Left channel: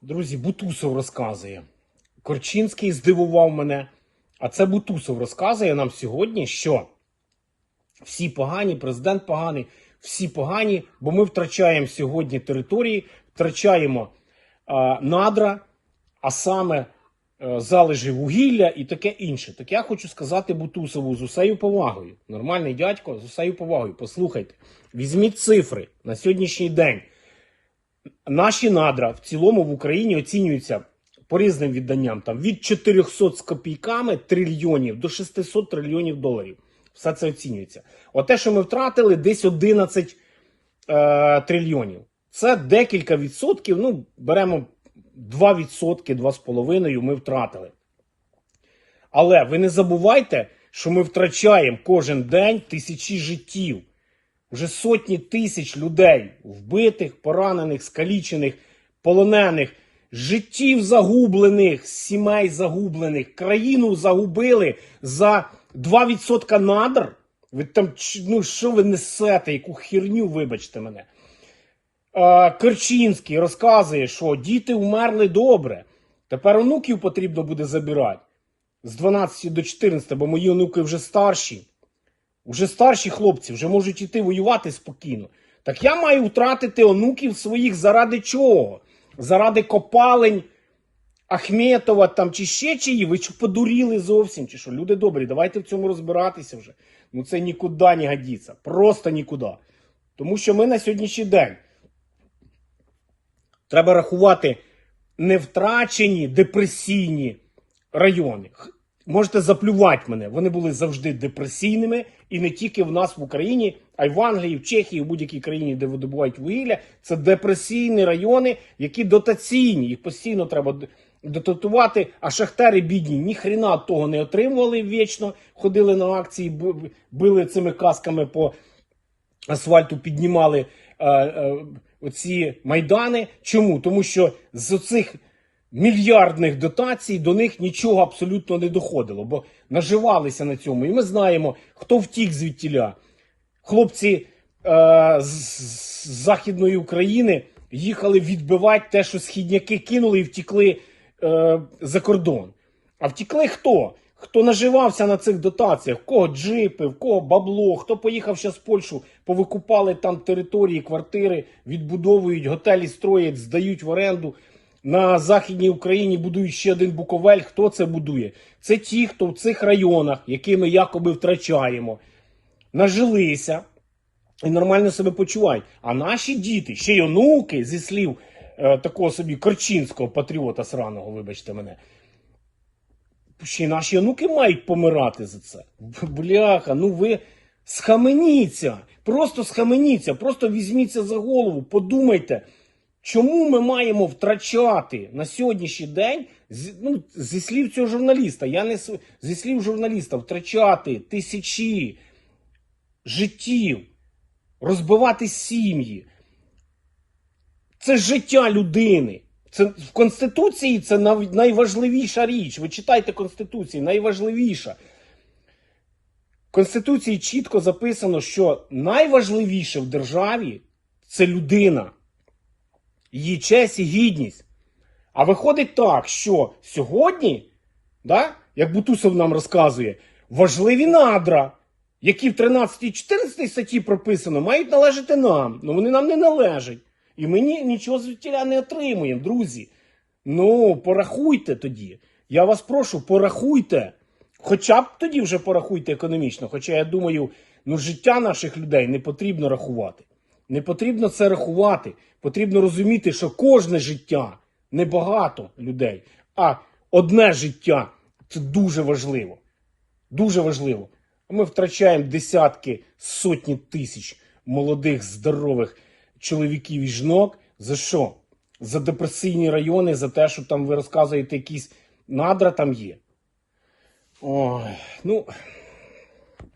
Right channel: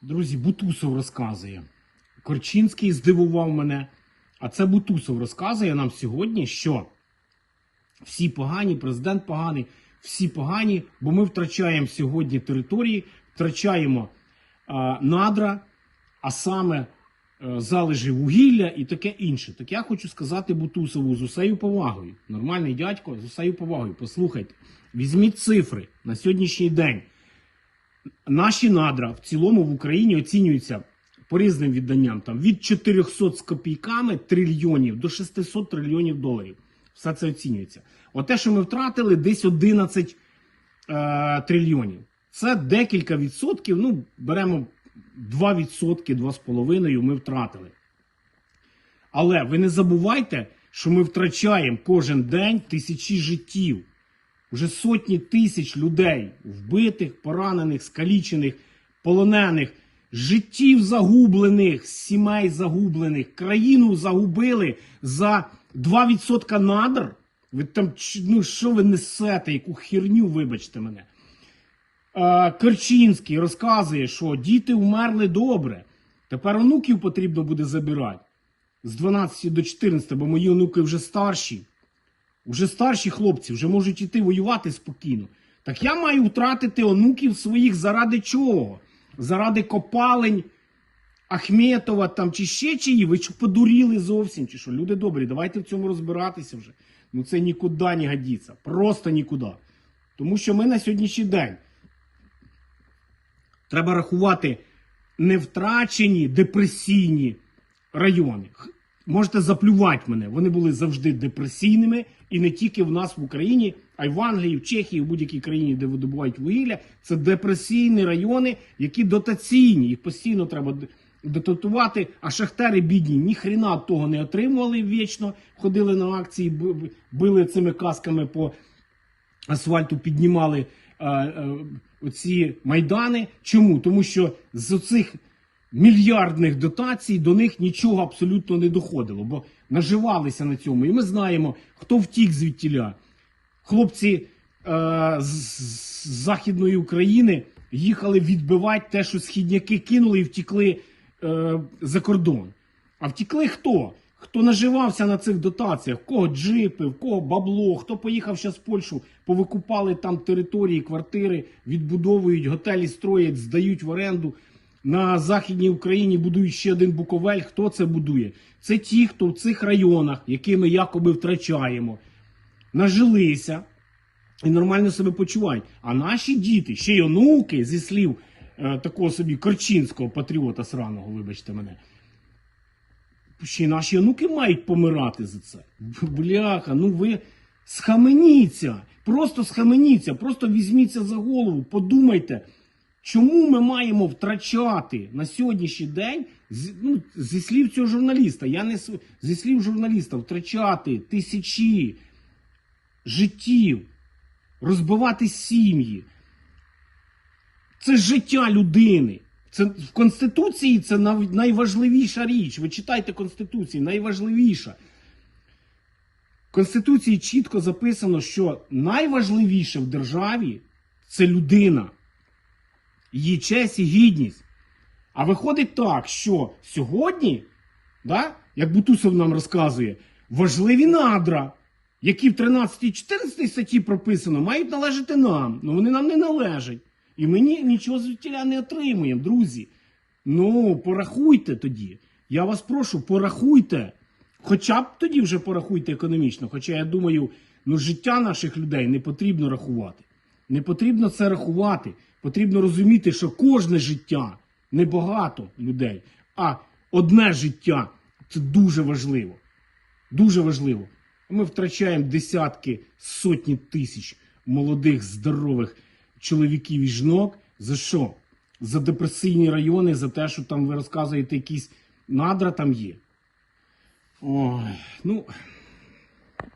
Друзі, Бутусов розказує. Корчинський здивував мене. А це Бутусов розказує нам сьогодні, що всі погані, президент поганий, всі погані, бо ми втрачаємо сьогодні території, втрачаємо а, надра, а саме е, залежі вугілля і таке інше. Так я хочу сказати Бутусову з усею повагою. Нормальний дядько з усею повагою. Послухайте, візьміть цифри на сьогоднішній день. Наші надра в цілому в Україні оцінюються по різним відданням там від 400 з копійками трильйонів до 600 трильйонів доларів. Все це оцінюється. Оте, що ми втратили, десь 11 е, трильйонів. Це декілька відсотків. Ну, беремо 2 відсотки, 2,5 ми втратили. Але ви не забувайте, що ми втрачаємо кожен день тисячі життів. Вже сотні тисяч людей вбитих, поранених, скалічених, полонених, життів загублених, сімей загублених, країну загубили за 2% надр. Ви там ну що ви несете? Яку херню, вибачте мене. Керчинський розказує, що діти вмерли добре. Тепер онуків потрібно буде забирати з 12 до 14, бо мої онуки вже старші. Вже старші хлопці вже можуть іти воювати спокійно. Так я маю втратити онуків своїх заради чого? Заради копалень Ахметова там чи ще чиї? Ви що подуріли зовсім? Чи що? Люди добрі, давайте в цьому розбиратися вже. Ну це нікуди не годиться. Просто нікуди. Тому що ми на сьогоднішній день треба рахувати не втрачені депресійні райони. Можете заплювати мене. Вони були завжди депресійними, і не тільки в нас в Україні, а й в Англії, в Чехії, в будь-якій країні, де видобувають вугілля. Це депресійні райони, які дотаційні. Їх постійно треба дотатувати. А шахтери бідні ніхрена того не отримували вічно. Ходили на акції, били цими касками по асфальту, піднімали е, е, оці майдани. Чому? Тому що з оцих мільярдних дотацій до них нічого абсолютно не доходило, бо наживалися на цьому. І ми знаємо, хто втік звідтіля. Хлопці е, з, з Західної України їхали відбивати те, що східняки кинули і втікли е, за кордон. А втікли хто? Хто наживався на цих дотаціях? В кого джипи, в кого бабло, хто поїхав зараз в Польщу, повикупали там території, квартири, відбудовують, готелі строять, здають в оренду. На Західній Україні будують ще один Буковель. Хто це будує? Це ті, хто в цих районах, які ми якоби втрачаємо, нажилися і нормально себе почувають. А наші діти, ще й онуки, зі слів е, такого собі корчинського патріота сраного, вибачте мене. Ще й наші онуки мають помирати за це. Бляха, ну ви схаменіться. Просто схаменіться, просто візьміться за голову, подумайте. Чому ми маємо втрачати на сьогоднішній день ну, зі слів цього журналіста, я не зі слів журналіста, втрачати тисячі життів, розбивати сім'ї? Це життя людини. Це в Конституції це найважливіша річ. Ви читайте Конституцію, найважливіша. В Конституції чітко записано, що найважливіше в державі це людина її честь і гідність. А виходить так, що сьогодні, да, як Бутусов нам розказує, важливі надра, які в 13 14 статті прописано, мають належати нам. Ну вони нам не належать. І ми ні, нічого звідтіля не отримуємо, друзі. Ну, порахуйте тоді. Я вас прошу, порахуйте. Хоча б тоді вже порахуйте економічно. Хоча я думаю, ну життя наших людей не потрібно рахувати. Не потрібно це рахувати. Потрібно розуміти, що кожне життя не багато людей, а одне життя це дуже важливо. Дуже важливо. Ми втрачаємо десятки, сотні тисяч молодих, здорових чоловіків і жінок. За що? За депресійні райони, за те, що там ви розказуєте, якісь надра там є. Ой, ну.